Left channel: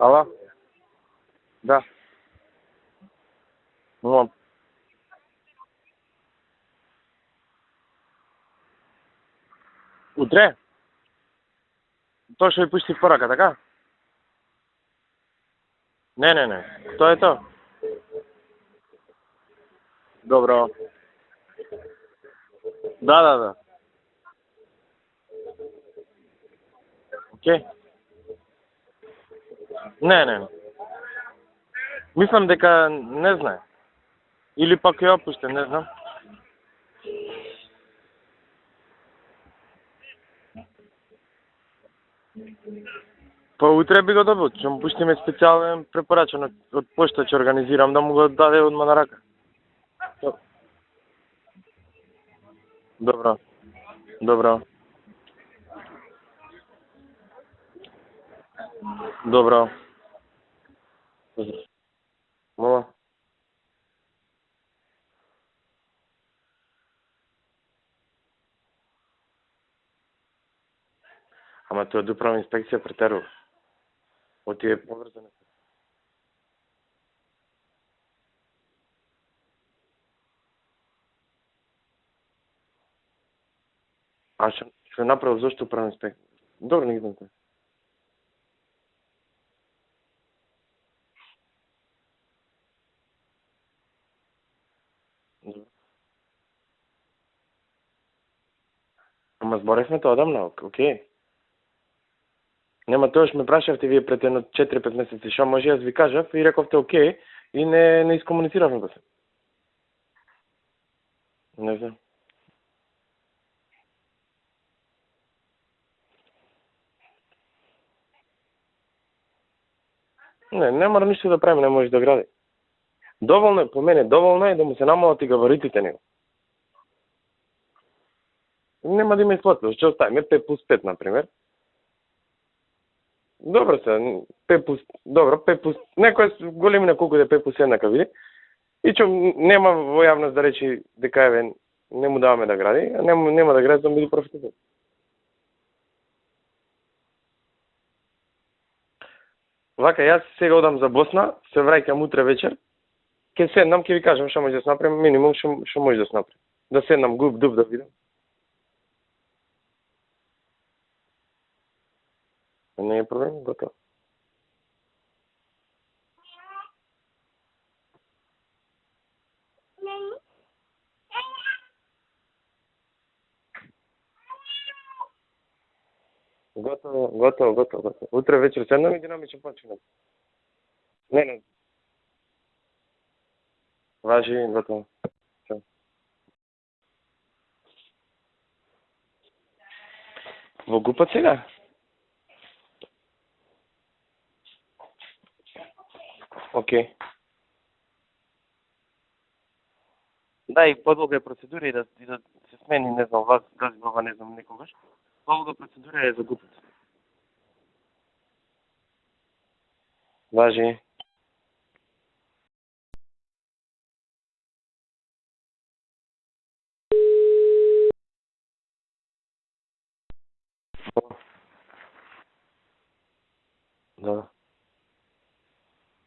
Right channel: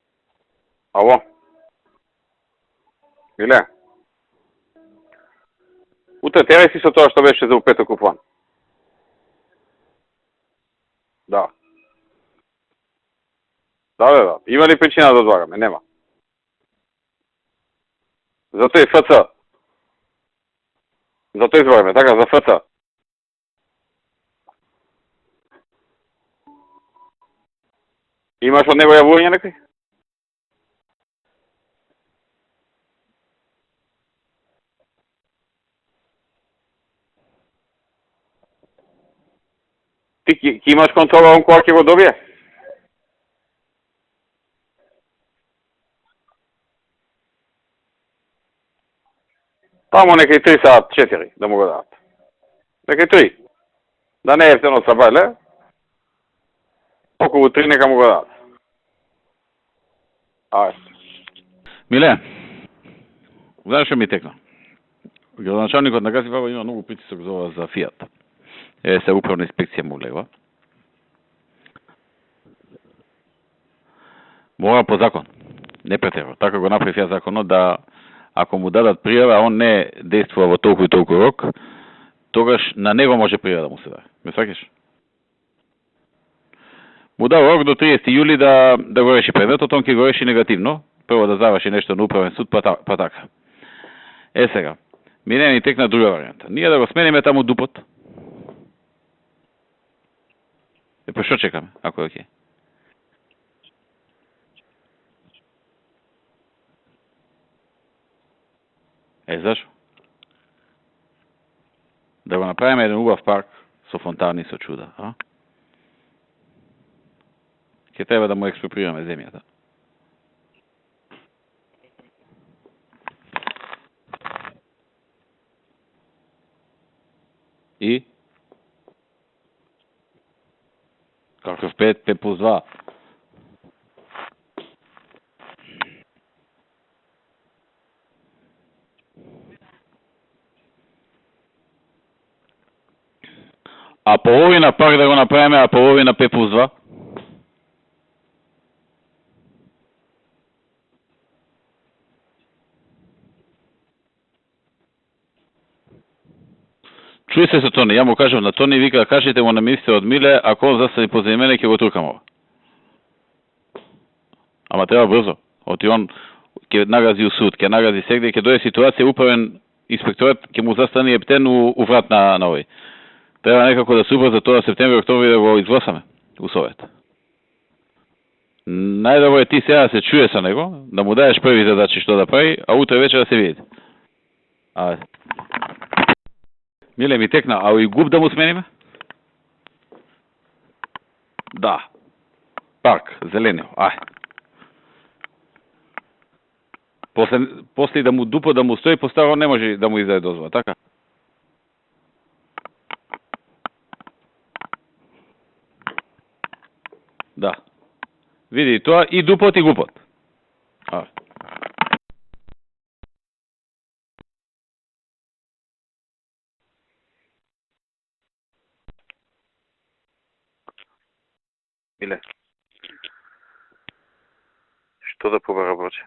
Ало? Ало, Да. Миле, Мон. утре терај си со тоа што беше за у петок у план. Утре? Да. Тоа што ви пушти порака, така? Да. Има ли причина да одлагаме? Нема. Не. Тоа е тоа. За тој ФЦ. Добро. За тој збораме, така, за ФЦ. Да. Окей. Имаш од него јавување некој? Не. Мислам дека не знае. Или пак е опуштен, не знам. Ти ќе имаш контрола он кога ќе го добие? Па утре би го добил, ќе му пуштиме специјален препорачен од пошта, ќе организирам да му го даде одма на рака. Тамо некај 3 саат 4 да му го дадат. Некај 3. Да не е ефтено са бајле. Околу 3 нека му го дадат. Добро. Ајде. Миле, Мола. знаеш што ми текна? Градоначалникот на Гасифаба има многу притисок за ова за Фијат. Се управна инспекција му лева. Ама тоа е управна инспекција претерува. Мора по закон. Не претерува. Така го направи Фијат законот да ако му дадат пријава, он не действува во толку и толку рок, тогаш на него може пријава да му се даде. Ме сваќаш? Што направил зошто управна инспекција? Добро, не знам. Му дава рок до 30 јули да го реши предметот, он ќе го реши негативно. Прво да заврши нешто на управен суд, па така. Сега, мине ни текна друга варијанта. Ние да го смениме таму дупот. Ама зборевме тоа одамна, окей. Па што чекаме, ако е окей? Нема тоа што ме прашавте вие пред едно 4-5 месеци, што може јас ви кажав и рековте окей и не искомунициравме го се. Зашо? Не знам. Да го направиме еден убав парк со фонтани, со чуда, а? Ќе треба да му експроприираме земјата. Не мора ништо да правиме, не може да гради. Доволно е, по мене, доволно е да му се намалат и габаритите него. И? Нема да има исплатено, што оставиме 5+5, например. Каков 5+2? Добро се, 5+... Некој големина колку да е 5+1 нека види. И че нема во јавност да речи дека еве не му даваме да гради, а нема да гради да биде. А половина парк да го направиме, а половина 5+2? Вака, јас сега одам за Босна, се враќам утре вечер. Ке седнам, ке ви кажам што може да се направи, минимум што може да се направи. Да седнам го. Чуј се со Тони, ја му кажав на Тони, вика, кажете му на министерот Миле, ако он застави позади мене, ќе го туркам ова. Не е проблем, готово. Ама треба брзо. Оти он ќе нагази у суд, ќе нагази сегде, ќе дојде ситуација, управен инспекторат ќе му застане ептен у врат на овој. Треба некако да се убрза тоа септември, октомври да го изгласаме у совет. Готово. Утре вечер седнам. Најдобро е ти сега да се чуе со него, да му даеш први задачи што да прави, а утре вечер да се видите. Важи, готово. Ајде. Миле ми текна, а и губ да му смениме? Во гупат сега? Да. Парк, зеленио, Окей. После да му дупо да му стои постаро не може да му издаде дозвола, Да, така? и подолга е процедура и да се смени, не знам, вас, тази глава не знам некогаш. Подолга процедура е за гупат. Да. Види, тоа и дупот и гупот. Важи. Миле, Да. што да побара Борче?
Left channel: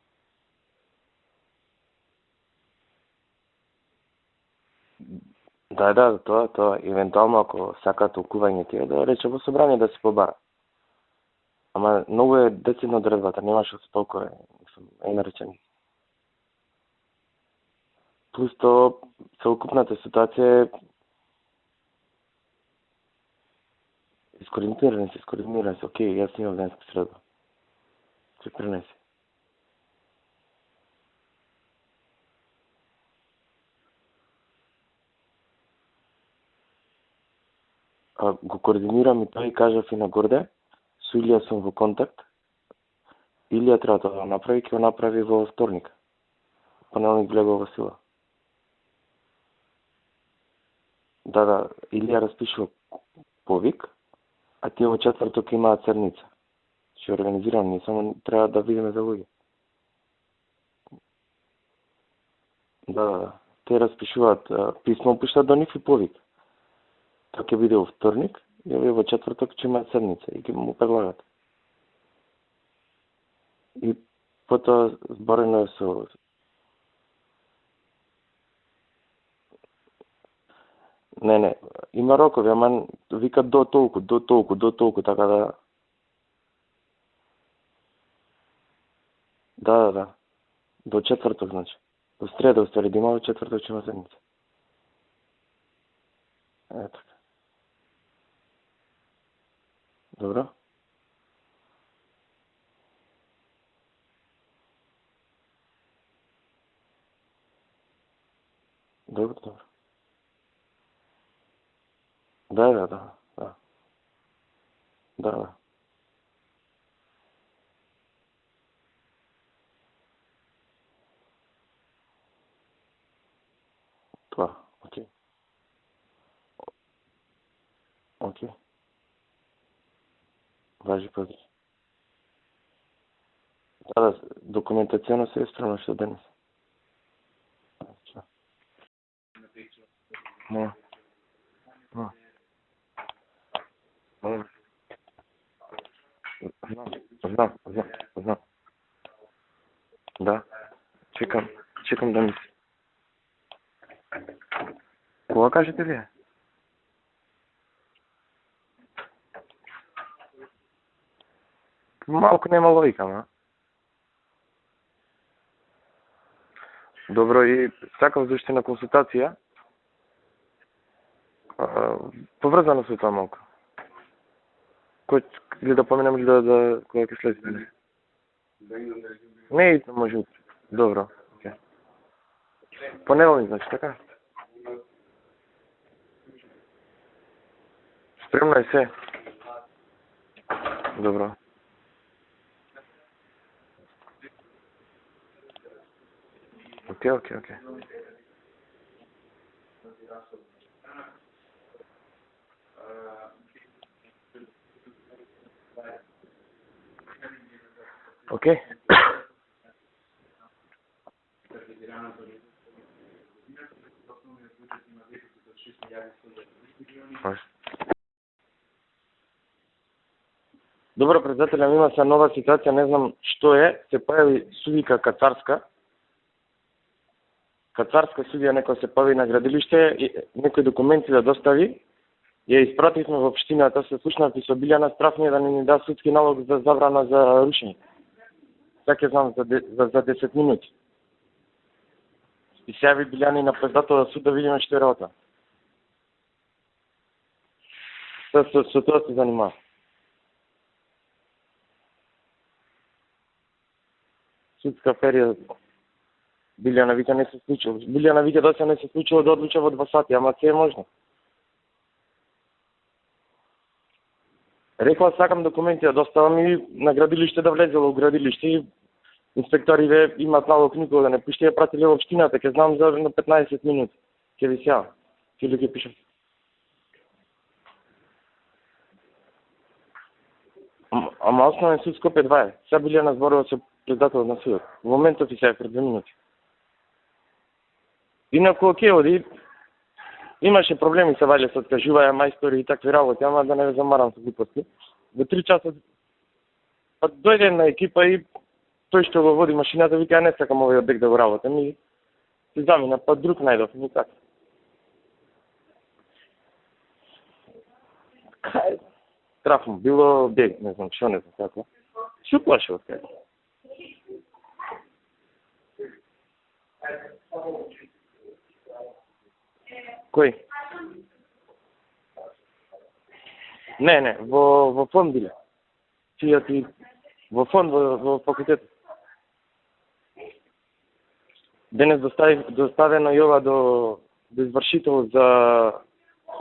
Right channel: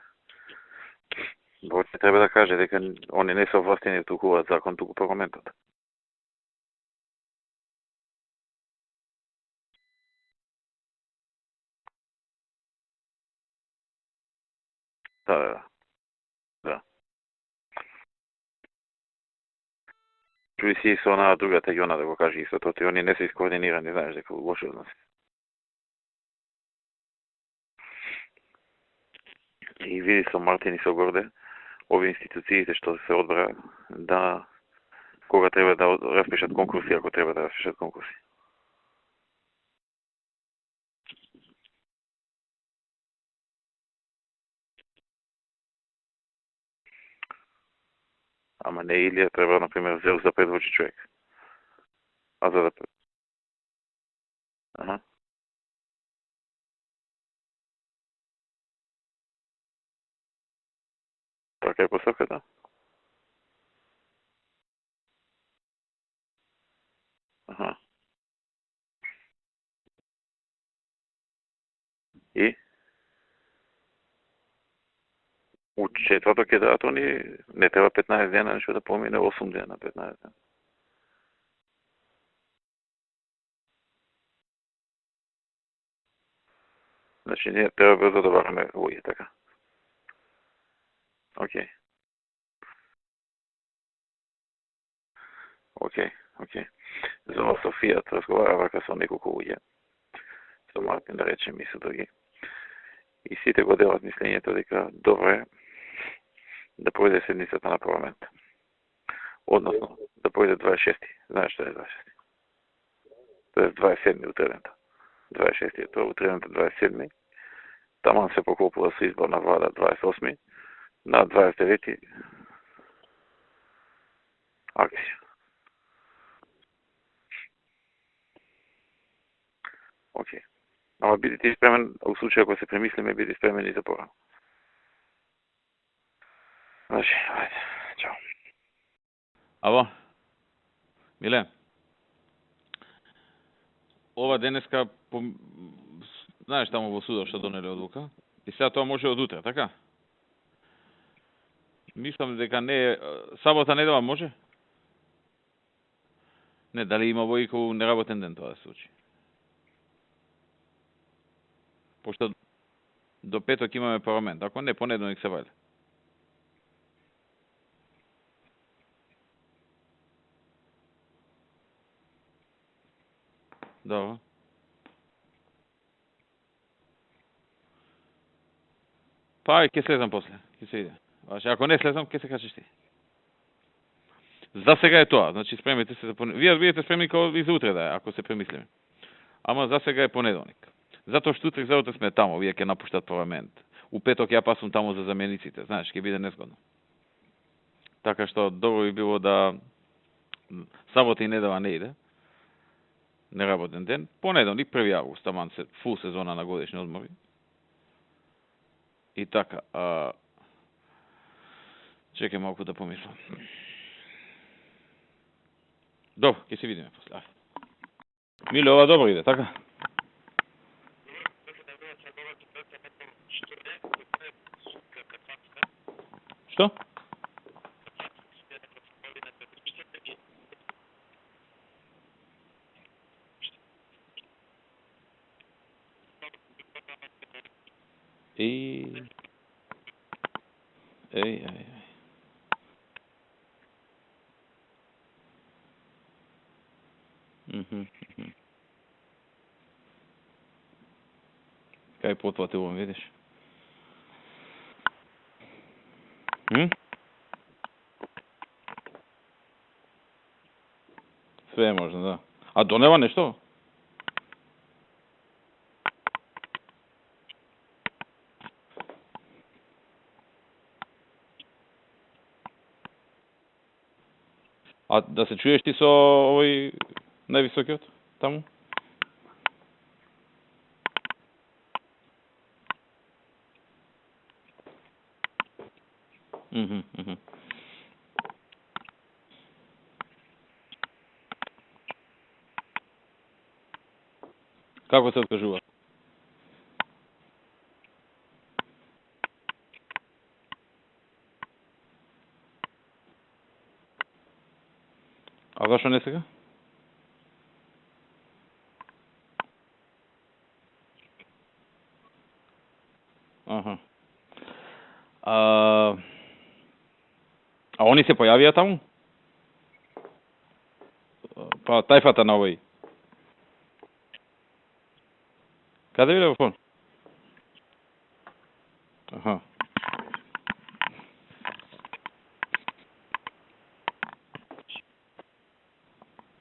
Борче треба да каже дека они не се овластени да толкуваат закон, туку парламентот. Да, тоа. Евентуално ако сакаат толкување тие, да рече во собрание да се побара. Ама многу е децидна одредбата, немаш од толку е енергија. Да. Плюс тоа, целокупната ситуација е... Чуј си со онаа другата Јона да го каже исто тоа, они не се искоординирани, знаеш дека лошо. Скоординирани се, окей, јас имам денска среда. Се пренеси. И види со Мартин и со Горде, овие институциите што се одбра да кога треба да распишат конкурси, ако треба да распишат конкурси. Го координирам и тоа и кажав и на Горде, со Илија сум во контакт. Илија треба да направи, ќе го направи во вторник. Понеделник влегува во сила. Ама не Илија треба, например, взел за предвочи човек. Да, Илија распиша повик, а тие во четврток имаат седница. Ќе организирам, ние само треба да видиме за луѓе. Така е посоката? Да. Те распишуваат писмо, пишат до нив и повик. Тоа ќе биде во вторник, и овие во четврток ќе имаат седница и ќе му предлагат. И? И потоа зборено со... Четврток ќе дадат они, не треба 15 дена, нешто да помине 8 дена, 15 дена. Не, има рокови, ама викат до толку, така да... Значи ние треба брзо да бараме луѓе, така. Да. До четврток, Океј. значи. До среда, устари, да има во четврток ќе има седмица. Океј. Ето. За Софија разговара вака со неколку луѓе, Добро? со Мартин да речем и со други. И сите го делат мислењето дека добро е да пројде седмицата на парламент. Добро. Односно, да пројде 26. Знаеш што е 26? Да. Тоа е 27. утредента. Да. 26. Тоа е утредента 27. Таман се поклопува со избор на влада 28. На 29. Тоа. Акција. Океј. Океј. Ама биди ти спремен, у случај ако се премислиме, биди спремен и за Да, повеќе. документацијно се е спремно што денес. Значи, ајде, чао. Ало, Моја. Миле? Да. Ова денеска, знаеш таму во судот што Знам, донеле одлука? знам. И сега тоа може од утре, така? Да. Чекам да Мислиш ми... дека не е, сабота, недела може? Кога кажете вие? Не, дали има војко неработен ден тоа да се случи? Малку нема логика, ма. До петок имаме парламент, ако не, понеделник се вајде. Добро, и сакав да уште на консултација. Поврзано со тоа малку. Добро. Кој или да поменам или да кога ќе слезе? Па, Не, ќе следам може. после. Ќе се- Добро. Значи, ако не слезам, ќе се кажеш ти. Понеделник, значи, така? За сега е тоа, значи спремете се за понеделник. Вие бидете спремни како и за утре да е, ако се Спремно премете. е се. Ама за сега е понеделник. Добро. Затоа што утре за утре сме таму, вие ќе напуштат парламент. У петок ја пасувам таму за замениците, знаеш, ќе биде незгодно. Океј. Така што добро би било да сабота и недела не иде. Неработен ден. Понеделник 1 август, таман се фул сезона на годишни одмори. Океј. И така, чекај малку да помислам. Добро, ќе се видиме. Миле, ова добро иде, така? Добро, председателя, има се нова ситуација, не знам што е, се појави судика кацарска. Што? Кацарска судија некој се појави на градилиште, и некои документи да достави. Ја испративме во општината, се слушнав и со Билјана Страфни да ни да судски налог за забрана за рушење. Така знам за 10 минути. Еј. И се јави Билјани на председател суд да видиме што е работа. Со тоа се занимава. Кај потватувам, видиш? Судска период. Билјана вика не се случило. Билјана вика да се не се случило да одлуча во 2 сати, ама се е можно. Све е можно, да. А донела нешто? Рекла сакам документи да доставам и на градилиште да влезело у градилиште и инспекторите имаат налог никога да не пушти, ја пратиле во општината, ќе знам за на 15 минути. Ќе ви сеа. А да се чуеш ти со овој највисокиот таму? Ама основен суд Скопје 2 е. Сега Билјана зборува со председателот на судот. Во моментот и сега пред 2 минути. Инаку окей, оди. Имаше проблеми се ваѓа со откажуваја мајстори и такви работи, ама да не ве замарам со глупости. Како се откажува? 3 часа. Па дојде една екипа и тој што го води машината вика не сакам овој објект да го работам и се замина, па друг најдов, и така. А зашо не сега? Кај страф му било бег, не знам што, не знам како. Се уплашил кај. А они се појавија таму? Кој? Па тајфата на овој. Не, во фонд биле. Каде биле во фонд? Во фонд, во факултет. Денес доставено и ова до извршител за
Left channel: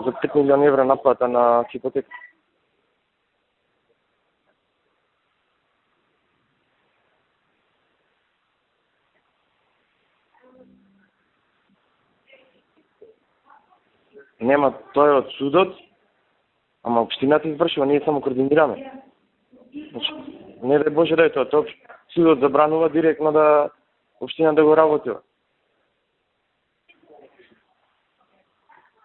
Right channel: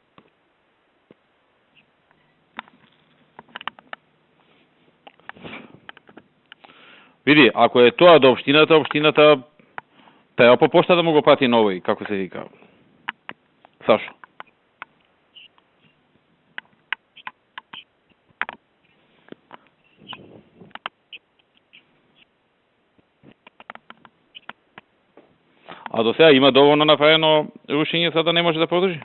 5 милиони евра наплата на хипотека. Види, ако е тоа до општината треба по пошта да му го прати на овој, како се вика. Сашо? Нема, тоа е од судот, ама општината извршува, ние само координираме. Значи, не дај Боже да е тоа, судот забранува директно да општина да го работила. А до сега има доволно направено рушење за да не може да продолжи?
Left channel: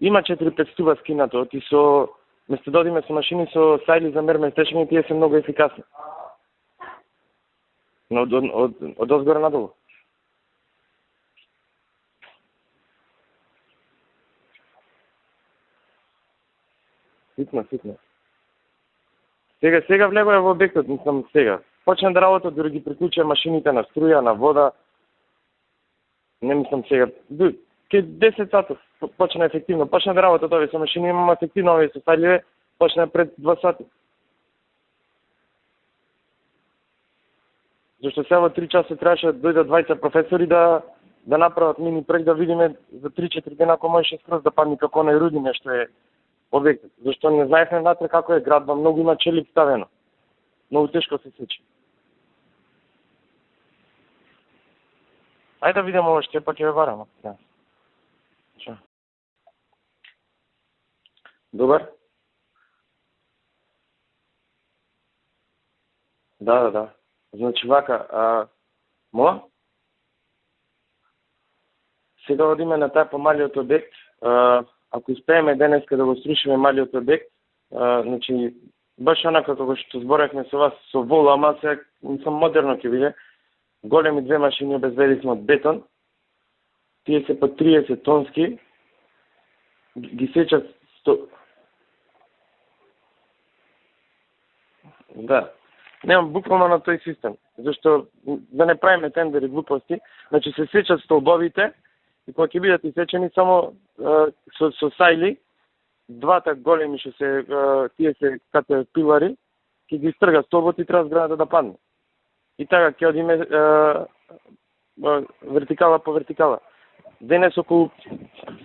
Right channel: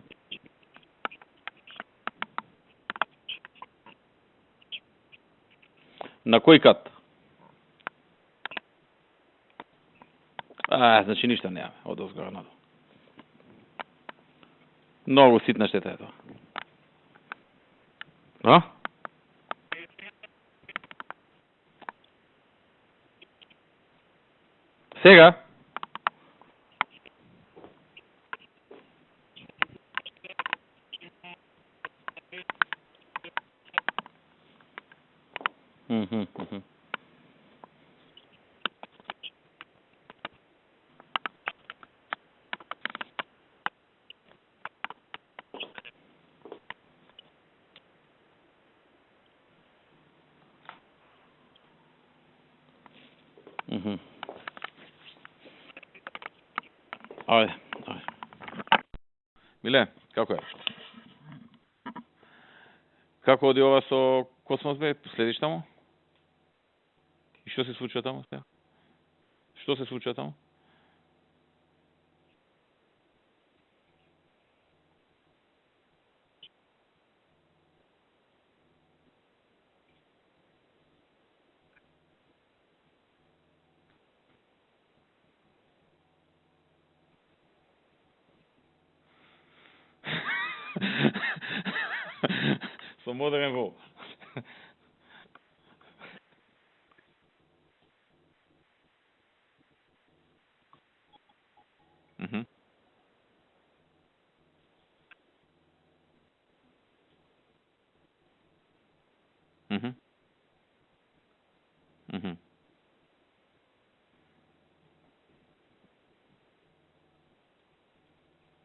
Има 4-5 стуба скинато, и со Место да одиме со машини со сајли за мерме стечени, тие се многу ефикасни. На кој кат? Но од озгора надолу. Значи ништо нема од озгора надолу. Многу ситна штета е тоа. Ситна. А? Сега влегува во објектот, мислам сега. Почна да работи, дури ги приклучија машините на струја, на вода. Сега? Не мислам сега. Ке 10 сати почна ефективно. Почна да работат овие со машини, имам ефективно овие со сајливе, почна пред 2 сати. Зашто сега во 3 часа требаше да дојдат двајца професори да направат мини проект, да видиме за 3-4 дена ако можеше скроз да падне како на Рудине што е објектот. Зашто не знаевме внатре како е градба, многу има челик ставено. Многу тешко се сечи. Ајде да видиме ова што пак ќе ве барам. Ајде. Миле, како е? Добар? Како оди ова со Космос бе? Следиш таму? Да. Значи Што се вака, случува таму? Моја? Што се случува таму? Сега одиме на тај помалиот објект. Ако успееме денеска да го срушиме малиот објект, значи баш онака како што зборевме со вас со вол, ама сега мислам модерно ќе биде. Големи 2 машини обезбедисме од бетон. Тие се по 30 тонски. Ги сечат со модерен вол. Да. Немам буквално на тој систем, зашто да не правиме тендери глупости, значи се сечат столбовите и кога ќе бидат исечени само со сајли, двата големи што се тие се кате пилари, ќе ги стрга столбот и треба зградата да падне. И така ќе одиме вертикала по вертикала. Денес околу,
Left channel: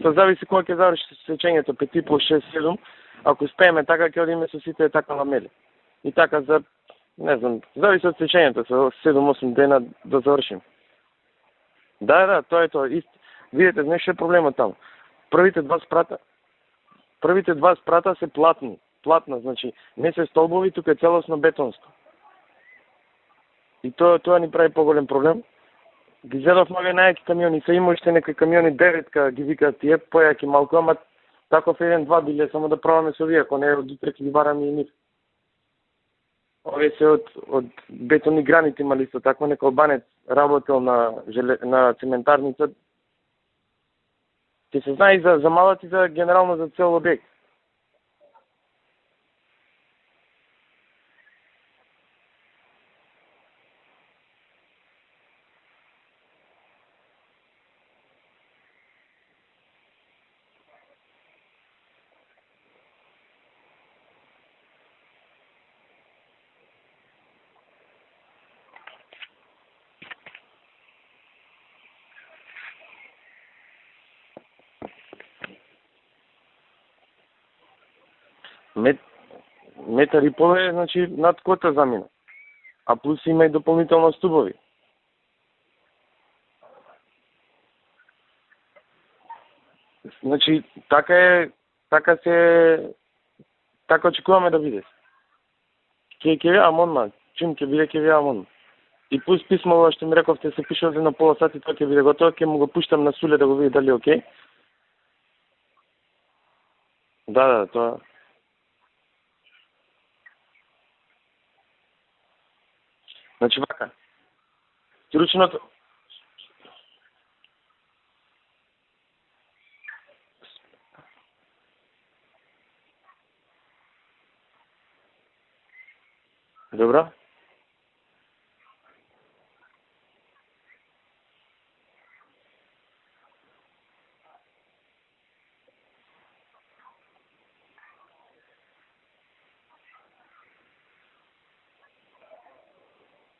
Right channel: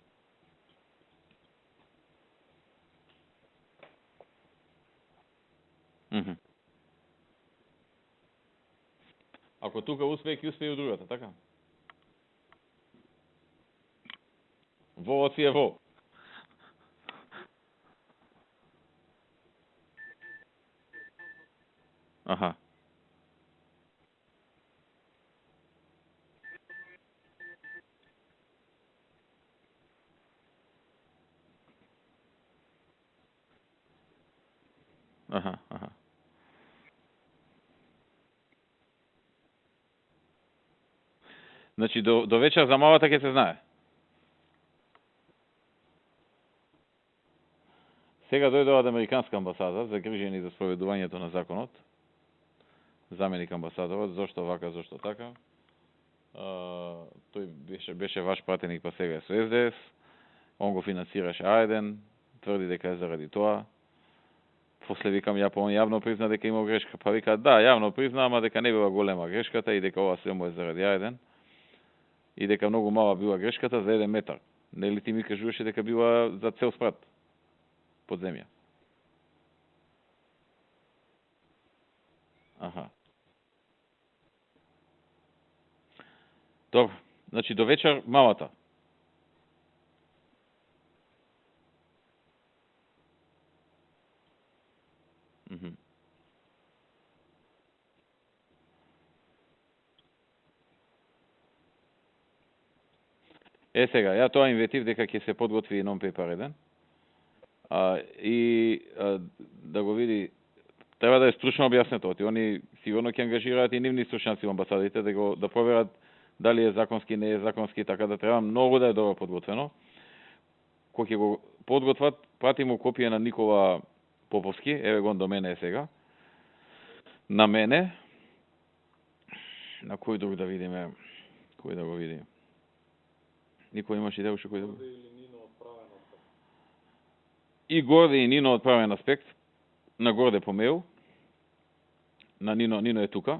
се зависи кога ќе заврши сечењето, 5,5, 6, 7, ако успееме така ќе одиме со сите така ламели. И така за, не знам, зависи од сечењето, со 7-8 дена да завршим. Тука другата, така? Да, тоа е тоа. Видите, знаеш што е проблемот таму? Првите два спрата се платна, значи не се столбови, тука е целосно бетонско. И тоа ни прави поголем проблем. Ги зедов многу најаки камиони, се има уште некои камиони 9 ги викаат тие, појаки малку, ама таков 1-2 биле само да пробаме со овие, ако не од утре ќе ги бараме и нив. Овие се од бетони граните имали исто такво, некој албанец работел на Значи до вечер за малата ќе се знае. Ќе се знае и за малата и за генерално за цел објект. Сега дојде од американска амбасада, загрижени за спроведувањето на законот. Заменик амбасадорот, зошто вака, зошто така. Тој беше ваш пратеник, па сега е со СДС. Он го финансираше А1, тврди дека е заради тоа. После викам он јавно призна дека имал грешка. Па вика да, јавно призна, ама дека не била голема грешката и дека ова све е заради А1. И дека многу мала била грешката за 1 метар. Нели ти ми кажуваше дека била за цел спрат под земја? Метар и пол е, значи, над кота замина. А плюс има и дополнително стубови. Добро. Значи до вечер малата. Значи така очекуваме да биде. Ќе видам одма, чим ќе биде ќе видам одма. И плюс писмово што ми рековте се пише за пол сати, тоа ќе биде готово, ќе му го пуштам на Суле да го види дали е окей. Ја тоа инвестив дека ќе се подготви нон пейпер еден. Да, тоа. И да го види, треба да е стручно објаснето, они сигурно ќе ангажираат и нивни стручњаци во амбасадите да го проверат дали е законски, не е законски, така да треба многу да е добро подготвено. Кога ќе го подготват, прати му копија на Никола Поповски, еве го до мене е сега. Добро. На мене. На кој друг да видиме? Кој да го видим? Никој имаш идеја уште кој да го види? И Горде и Нино од правен аспект. На Горде по мејл. На Нино е тука.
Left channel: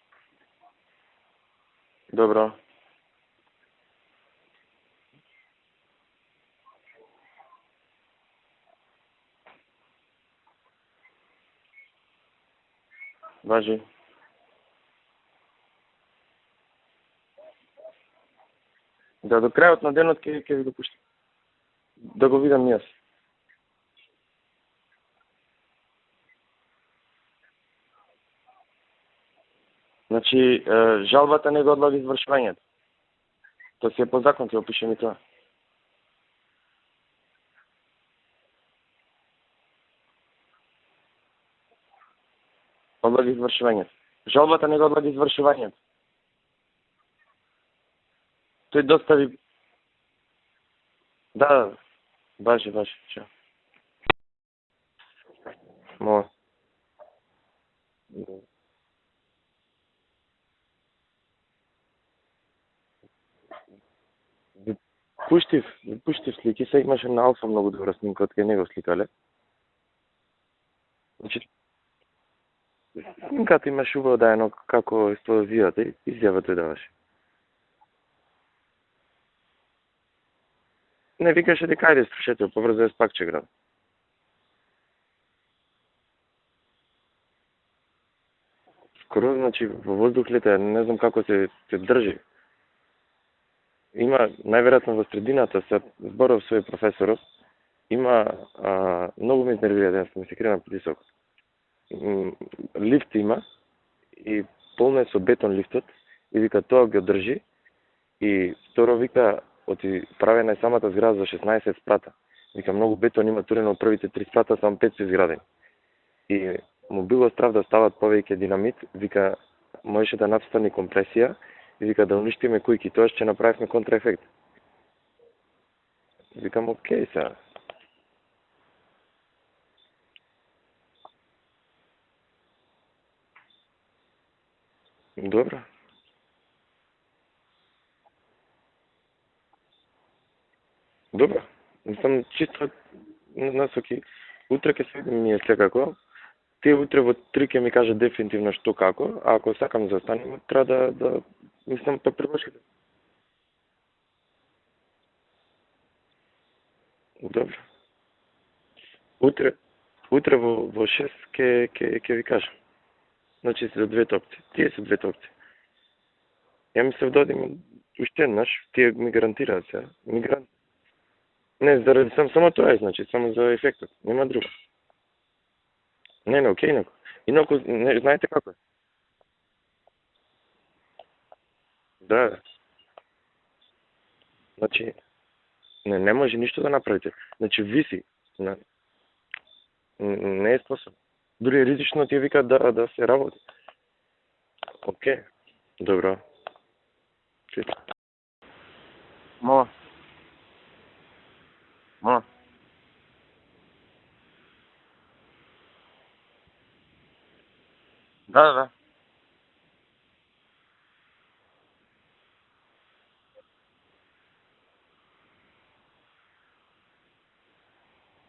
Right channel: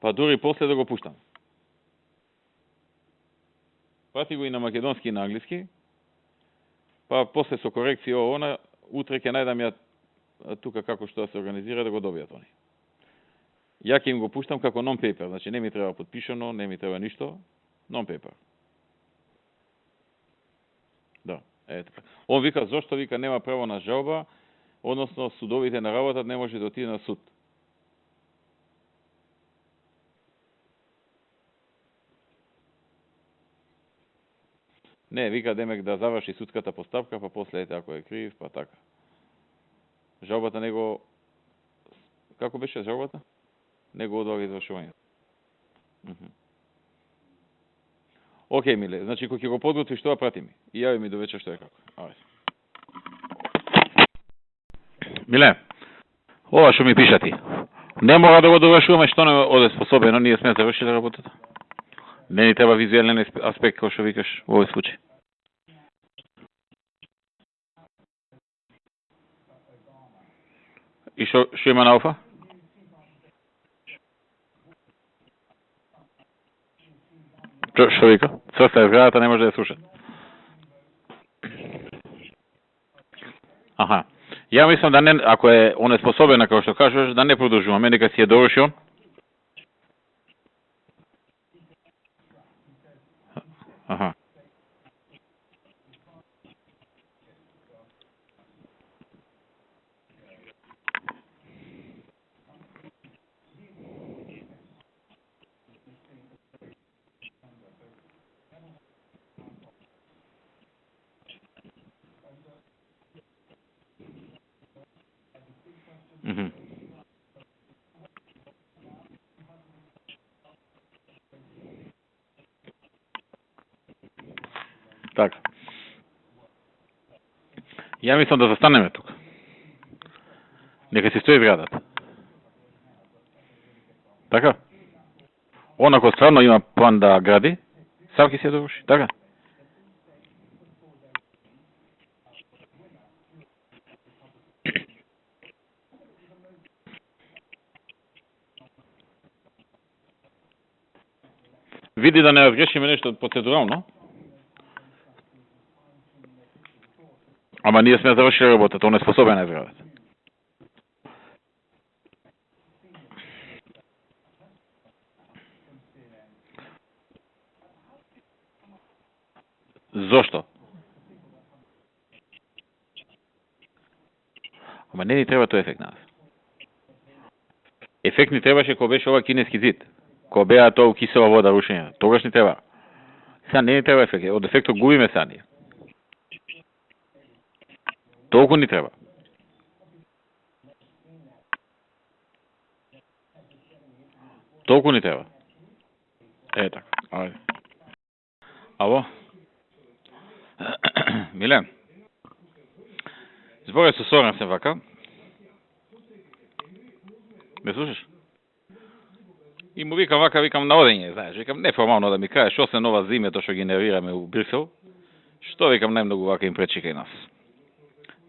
Па дури после да го пуштам. Добро. Прати го и на македонски и на англиски. Па после со корекција она, утре ќе најдам ја тука како што да се организира да го добијат они. Важи. Ја ќе им го пуштам како non-paper, значи не ми треба подпишано, не ми треба ништо, non-paper. Да, до крајот на денот ќе ви го пуштам. Да, ето. Да го видам ја. Зошто вика нема право на жалба, односно судовите на работат не може да отиде на суд. Значи, жалбата не го одлага извршувањето. Тоа си е по закон, ти опише ми тоа. Не, вика демек да заврши судската постапка, па после ете ако е крив, па така. Жалбата него како беше жалбата? Одлаги извршувањето. Него одлаги Жалбата не го одлаги извршувањето. Океј, Тој доста- значи кога ќе го подготвиш тоа прати ми. И јави ми до вечер. Да, Ајде. баше. Чао. Миле, Мола. ова што ми пиша ти. Не мора да го довршуваме што не оде способено, ние сме завршили работата. Не ни треба визуелен аспект, кој што викаш во овој случај. Пуштив слики, се имаше на Алфа многу добра снимка, од кај него сликале. И што има на Алфа? Снимката имаше убаво дајано како експлозијата и изјава тој даваше. Што вика? Црста е зградата, не може да ја слуша. Не викаше дека ајде слушате, побрзо е спакче град. Аха. Ја мислам да не, ако е онеспособена, како што кажеш, да не продолжуваме, нека си ја доврши он. Скоро, значи, во воздух лета, не знам како се држи. Аха. Има, најверојатно во средината, се зборов свој професоров, има, многу ме изнервира, да ми се крена притисок. Лифт има, и полно е со бетон лифтот, и вика тоа го држи, и второ вика, оти правена е самата зграда за 16 спрата. Вика, многу бетон има турено од првите 3 спрата, само 5 се изградени. И му било страв да стават повеќе динамит, вика, можеше да настани компресија, и вика да уништиме кујки, тоа ќе направивме контраефект. Така. Викам, окей, сега. Ја мислам да застанеме тука. Нека си стои зградата. Така? Добро. Онако стварно има план да гради, сам ќе си ја доврши. Така? Добро. Мислам, чисто насоки. Утре ќе се видим ние секако. Тие утре во 3 ќе ми каже дефинитивно што како, а ако сакам да застанем, треба да мислам... Види да не разгрешиме нешто процедурално. Добро. Ама ние сме завршили работата, он е способен Утре. да градат. Утре во 6 ќе ви кажам. Значи се 2 опции. Тие се 2 опции. Ја мислев да одим уште еднаш, тие ми гарантираат се. Зошто? Не, заради само тоа е, значи, само за ефектот. Нема друго. Ама не ни треба тој ефект на нас. Не, окей, неко. Инаку, не, знаете, Ефект ни требаше кога беше ова кинески зид. Кога беа тоа кисела вода рушење. Тогаш Да. ни треба. Сега не ни треба ефект. Од ефектот Значи- губиме сега ние. не може ништо да направите. Значи, виси. Толку ни треба. Не е способ. Дури ризично ти вика да се работи. Толку ни треба. Добро. Е така. Ајде. Ало? Мола. Милен, Мола. зборя со Соран се вака. Ме слушаш? Да. И му викам вака, викам на одење, знаеш, викам неформално да ми кажеш, освен ова зиме, тоа што генерираме у Брисел, што викам најмногу вака им пречи кај нас.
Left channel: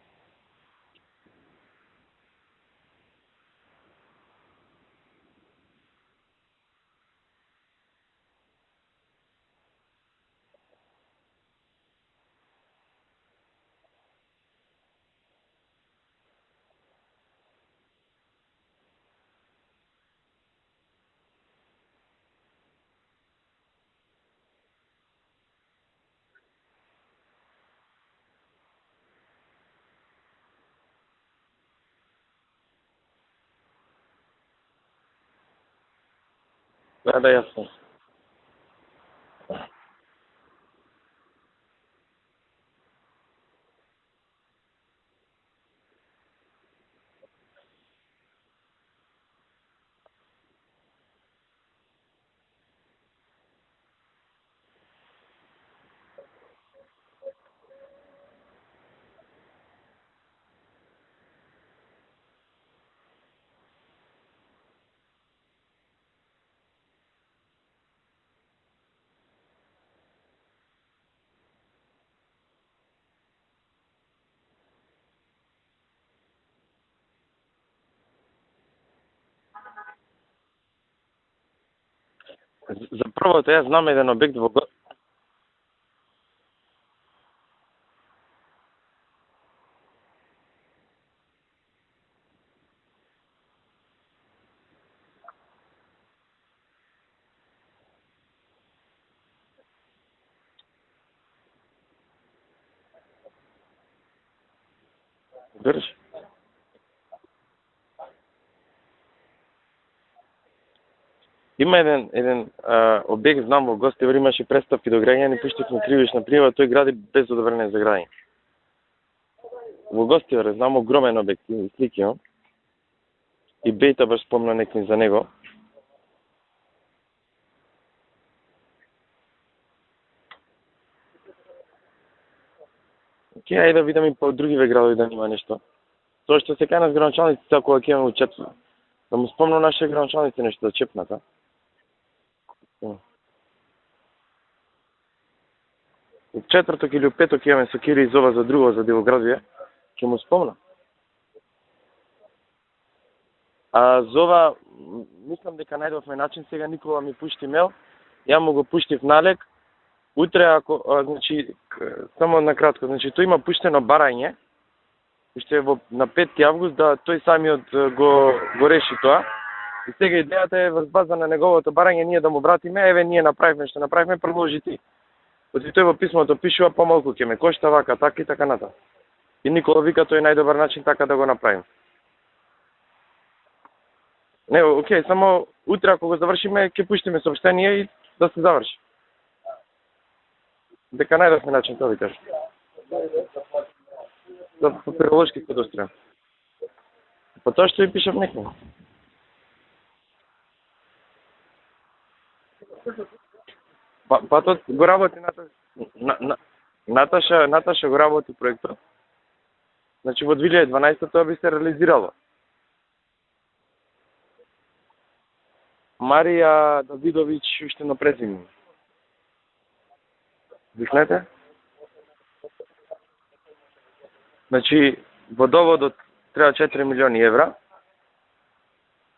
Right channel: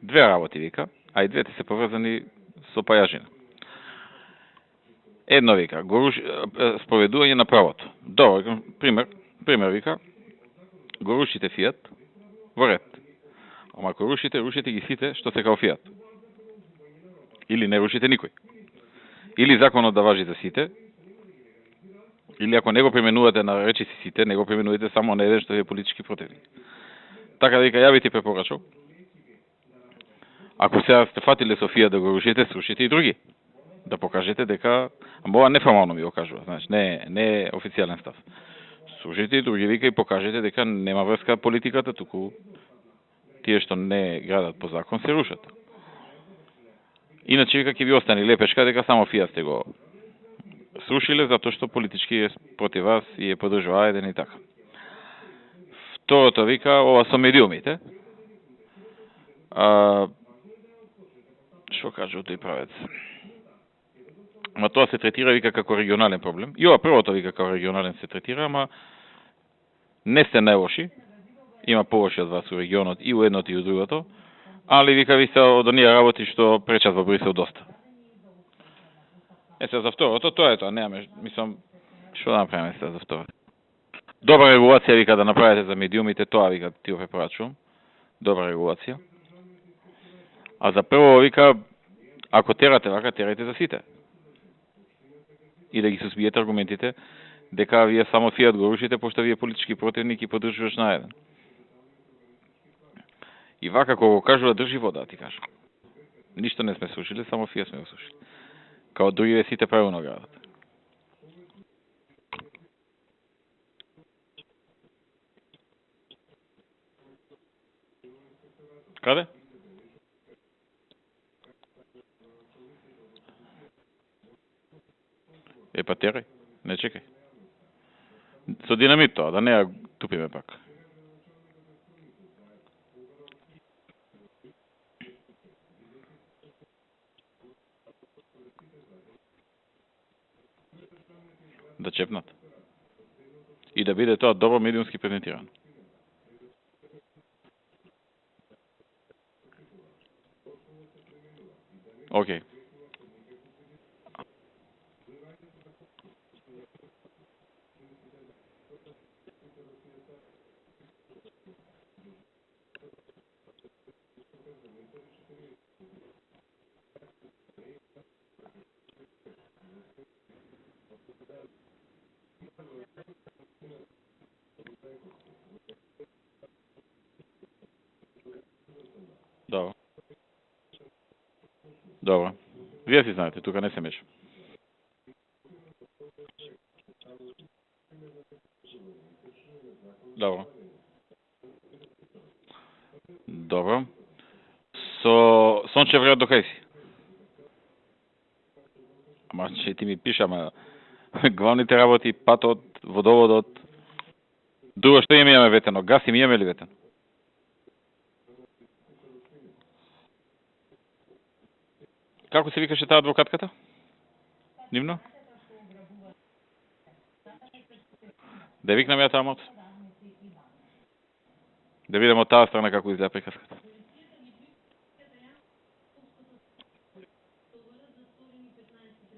2 работи вика, а и двете се поврзани со пајажина. Едно вика, споведување на правото. Добро, викам, пример вика, го рушите Фијат во ред. Ама ако рушите ги сите што се као Фијат. Или не рушите никој. Или законот да важи за сите, или ако не го применувате на речиси сите, не го применувате само на еден што е политички противник. Така да вика, ја би ти препорачал. Ако сега сте фатиле Софија да го рушите, срушите и други. Да покажете дека, ама ова неформално ми го кажува, знаеш, не е официјален став. Срушите и други, вика, и покажете дека нема врска политиката, туку тие што не градат по закон се рушат. Иначе вика ќе ви остане лепешка дека само Фијат сте го срушиле затоа што политички е против вас и е подржува еден и така. Второто вика ова со медиумите. Што кажа тој правец? Ама тоа се третира вика како регионален проблем. И ова првото вика како регионален се третира, ама не сте најлоши. Има полоши од вас у регионот и у едното и у другото. Али вика ви се од оние работи што пречат во Брисел доста. Се за второто, тоа е тоа, немаме, мислам, што да направиме сега за За тоа. првото, јас знам еден обект. Добра регулација вика да направите за медиумите, тоа вика ти го препорачувам. Добра регулација. А за прво вика, ако терате вака, терате за сите. И да ги сузбиете аргументите дека вие само Фијат го рушите, пошто вие политички противник и поддржуваш на еден. И вака кога го кажува држи вода, ти кажа. Држи. Ништо не сме слушали, само Фијат сме го слушали. Као другиве сите правилно градат. Има еден објект, знам, во Гостивар имаше преставки до граѓани, пуштивме кривична пријава, тој гради без одобрение за граѓање. Каде? Во Гостивар, знам, огромен објект, слики имам. И Бејта баш спомна некој за него. Па терай, не чекај. Со динамит тоа, да не ја тупиме пак. Ке, ајде да видам и по другиве градови да нема нешто. Тоа што се кај нас граначалниците, ако ќе имаме учепнат. Да му спомнам нашите граначалници нешто да чепнат, а? Да чепнат. Да. И да биде тоа добро медиумски презентирано. У четврток или у петок ќе имаме со Кири изова за друго, за Дивоградија. Ќе му спомнам. Океј. А зова, мислам дека најдовме начин, сега Никола ми пушти мейл, ја му го пуштив налег, утре ако, значи, само накратко, значи, тој има пуштено барање, уште на 5 август, да тој самиот го реши тоа. И сега идејата е врз база на неговото барање ние да му вратиме, еве ние направивме што направивме, продолжи ти. Оти тој во писмото пишува помалку ќе ме кошта вака, така и така натаму. И Никола вика тој е најдобар начин така да го направим. Добро. Вие си знаете, тука не се меша. Не, окей, само утре ако го завршиме, ќе пуштиме сообщение и да се заврши. Добро. Дека најдовме начин, тоа ви кажа. Добро. Да, Со Сончев град до кај си? Па тоа што ви пишав некој. Ама че ти ми пиша, ама главните работи, патот, водоводот. Патот го Друго работи. што имаме ветено, газ им имаме ли ветено? Наташа го работи проектот. Значи во 2012 тоа би се реализирало. Како се викаше таа адвокатката? Нивно? Марија Давидович уште на презиме. Да викнам ја тамот? Викнете? Да видам од таа страна како изгледа приказката. Значи водоводот треба 4 милиони евра.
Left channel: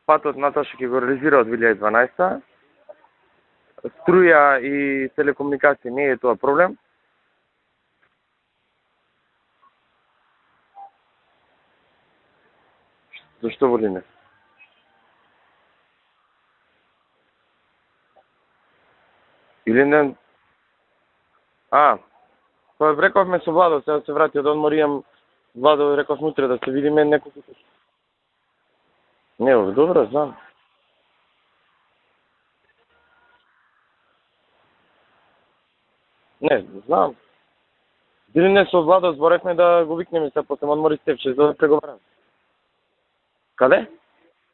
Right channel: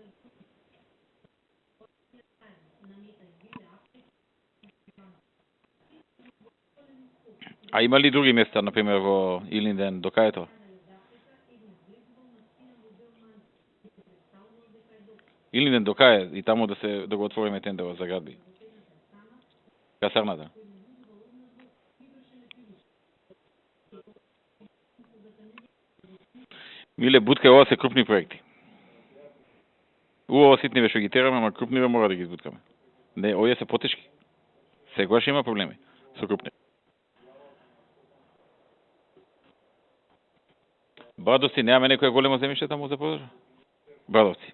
Патот Наташа ќе го реализира од 2012. Струја и телекомуникација не е тоа проблем. А има ли други места, например во Илинден, до кај е тоа? Зашто во Лине? Илинден до кај е и таму да го отвориме тендерот за градби? Или не? Касарната. Па рековме со Владо, сега се врати од одмор, имам Владо, реков утре да се видиме. Иле бутка, ова се крупни проекти. Не, добро, знам. Ова ситниве што ги тераме, ама крупниве мора да ги избуткаме. Не, овие се потешки. Сегаш има проблеми со крупни. Не, знам. Или не со Владо зборевме да го викнеме се после одмори Стевче. Брадовци немаме некоја големо земјиште таму за продажа? Каде? Брадовци.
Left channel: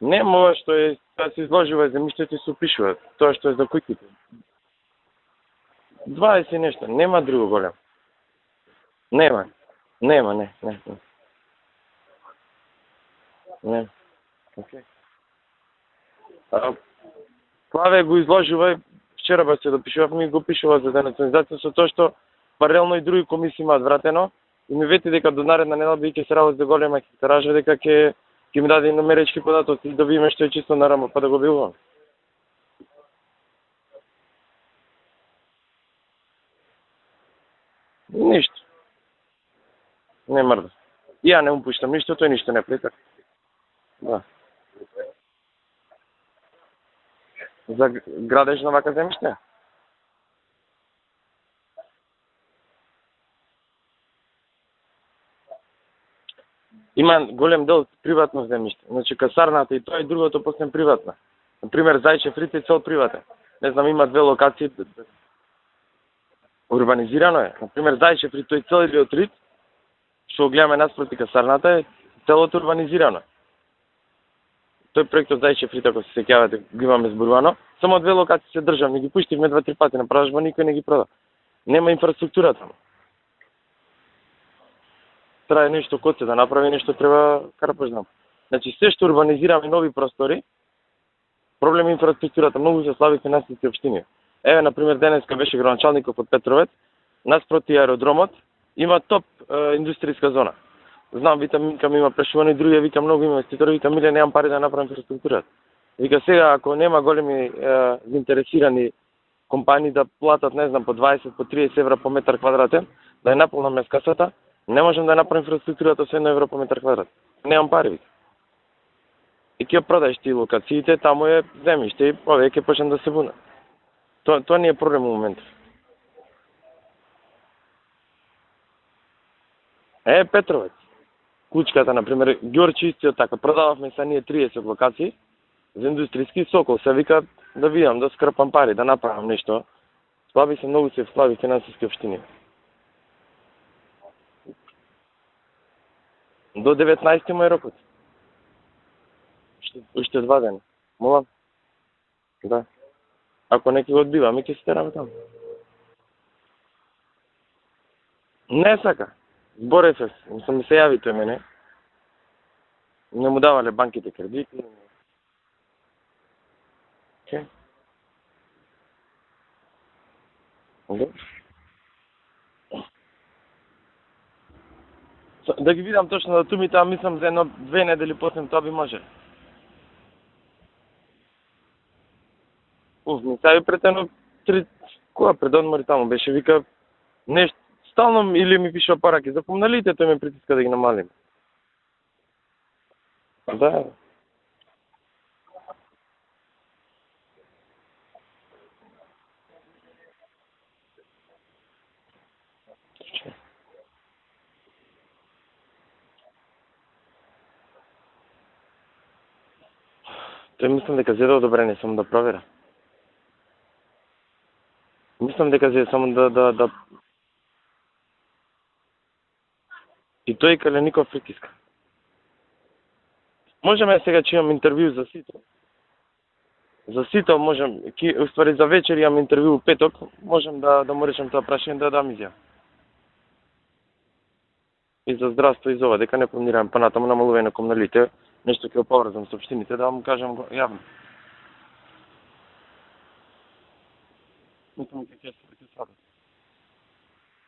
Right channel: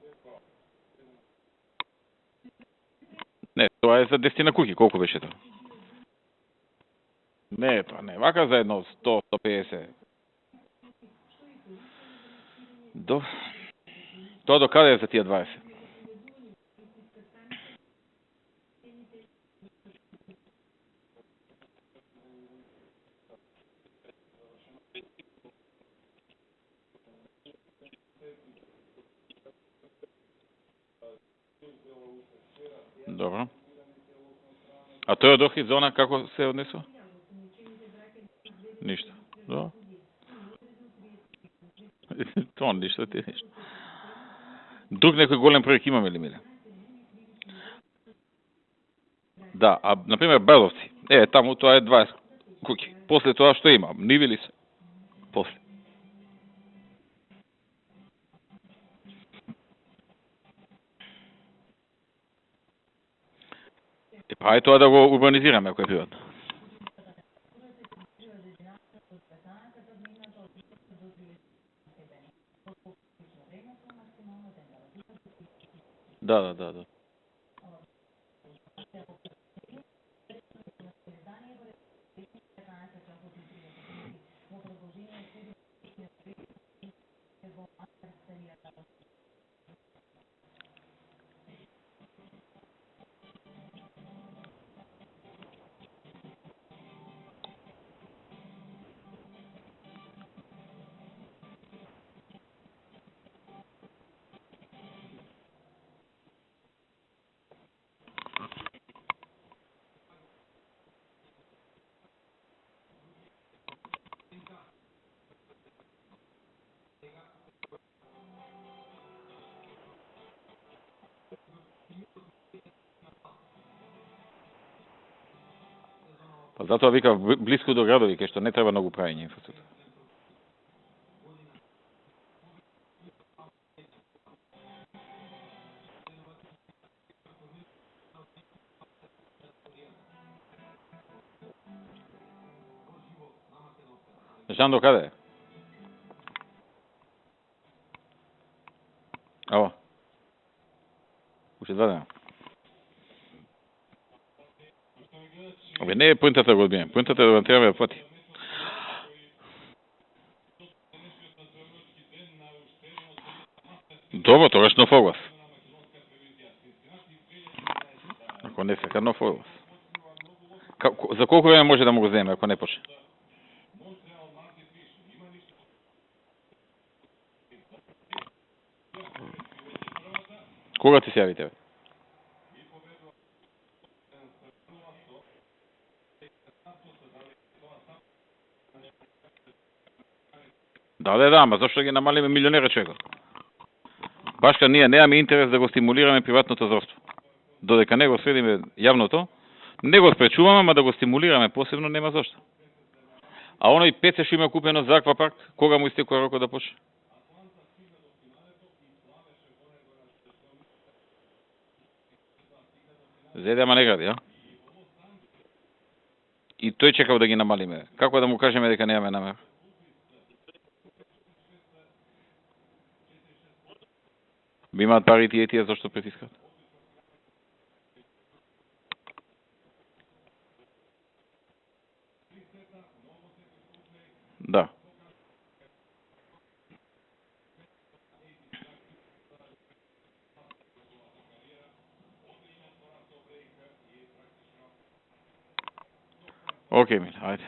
Не, ова што е, да се изложува земјиштето и се упишува. Тоа што е за Не, куќи. тоа е за 10 куќи, колку беше тоа? 20 и нешто, нема друго големо. Не, тоа не, вака за едно 100, Нема. 150. Нема, не. Не. Тоа до каде е за тие 20? Плаве го изложува, вчера ба се допишувавме и го пишува за денационализација со тоа што паралелно и други комисии имаат вратено и ми вети дека до наредна недела би ќе се работи за голема хектаража, дека ќе ми даде номеречки податоци да видиме што е чисто нарамо па да го билувам. Добро. А тој од Охрид зона како се однесува? Ништо, Ништо. Добро. не мрда. И ја не му пуштам ништо, тој ништо не Он, пита. ништо ти ништо. Да. Друг некој голем проект имаме ли, Миле? За градеж на вака земјиште? Да, а например Брадовци. Таму тоа е 20 куќи. После тоа што има? Ниви ли се? После. Има голем дел приватно земјиште. Значи касарната и тоа и другото после приватна. Например Зајчев Рит е цел приватен. Не знам, има две локации. Ај тоа да го урбанизираме ако е приватно. Урбанизирано е. Например Зајчев Рит, тој цел или Рит, што го гледаме наспроти касарната е целото урбанизирано. Тој проектот Зајчев Рит, ако се сеќавате, Да. го имаме зборувано. Само две локации се државни, ги пуштивме 2-3 пати на продажба, никој не ги прода. Нема инфраструктура таму. Треба нешто код се да направи, нешто треба карпаш знам. Значи се што урбанизираме нови простори, проблем е инфраструктурата, многу се слаби финансиски општини. Еве, например, денеска беше градоначалников од Петровец, наспроти аеродромот, има топ индустријска зона. Знам, викам има прешувани, други вика многу инвеститори, вика Миле, немам пари да направам инфраструктурата. Вика сега, ако нема големи заинтересирани компании да платат, не знам, по 20, по 30 евра по метар квадратен, да ја наполнаме касата, не можам да направам инфраструктурата со 1 евро по метар квадрат. Немам пари, вика. И ќе продаеш ти локациите, таму е земјиште и овие ќе почнат да се бунат. Тоа не е проблем во моментот. Па затоа вика блиску до градови, кај што не треба многу правење инфраструктура. Петровец. Кучката, например, Ѓорче истиот така, продававме са ние 30 локации за индустријски Сокол, се вика да видам, да скрпам пари, да направам нешто. Слаби се, многу се слаби финансиски општини. Знам до каде е? До 19 му е рокот. Ао, Уште 2 дена. Молам? уште 2 дена. Да. Ако неки го одбиваме, ќе се тераме таму. Абе, не е поинтата да го одбием. Поинтата е да треба да плати. Не сака. Зборев се, ми се јави тој мене. Не му давале банките. Добро, тогаш нов оглас. Окей. Ако не сека нов оглас. За колку време може да му го земе, ако не почне? Да ги видам точно датумите, а мислам за 1-2 недели после тоа би може. Кога ти се јави тебе? Ми се јави пред едно 3 кога пред одмори таму беше вика нешто стално или ми пишува параки за помналите, тој ме притиска да ги намалим. Да, ама зашто ги намалиме милионера човекот? Да. Башка ние немаме интерес да го стимулираме приватното здравство. Додека не го следиме јавното, не го спречуваме, ама да го стимулираме посебно нема зашто. А оној пеце што има купено за аквапарк, кога му истекува рокот да почне? Тој мислам дека зеде одобрение, само да проверам. Зеде, ама не гради, а? Мислам дека зеде само да И тој чекав да ги намалиме. Како да му кажеме дека немаме намера? и тој Калеников притиска. Можеме сега че имам интервју Имаат пари тие зашто притискат? за сито, можем уствари за вечер имам интервју петок, можем да му речем тоа прашање да дам изјава. Да. И за здравство и за ова, дека не планираме понатаму намалување на комуналите, нешто ќе поврзам со општините, да му кажам јавно. Океј, миле, ајде.